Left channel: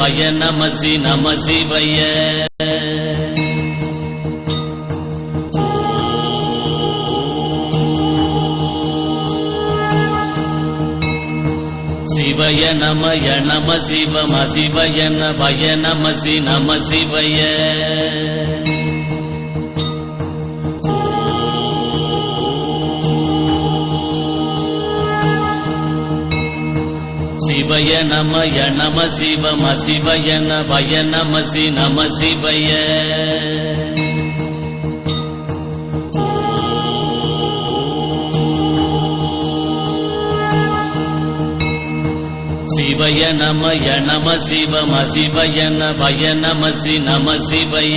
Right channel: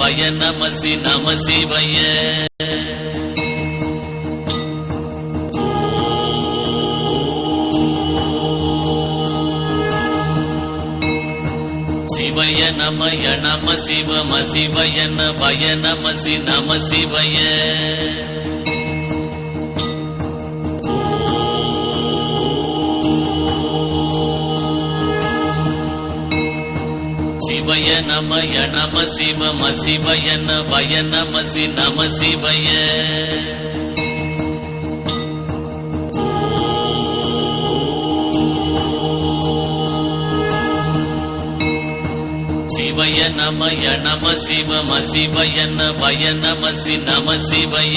சிவாய நமய நம நம சிவய. சிவய நமய நம சிவம சிவய நமய நமசி நம சிவய சிவய. சிவ மசிவய நவய நமசி நம சிவய. சிவய நமய நம சிவ மசிவய நவய நமசி நம சிவய.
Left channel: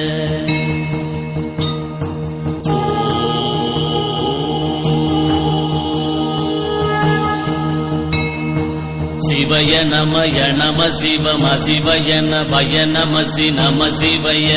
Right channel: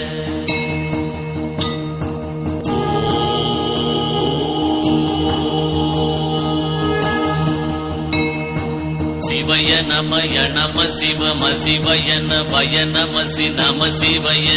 சிவ மசிவய நமய நம சி நம சிவய.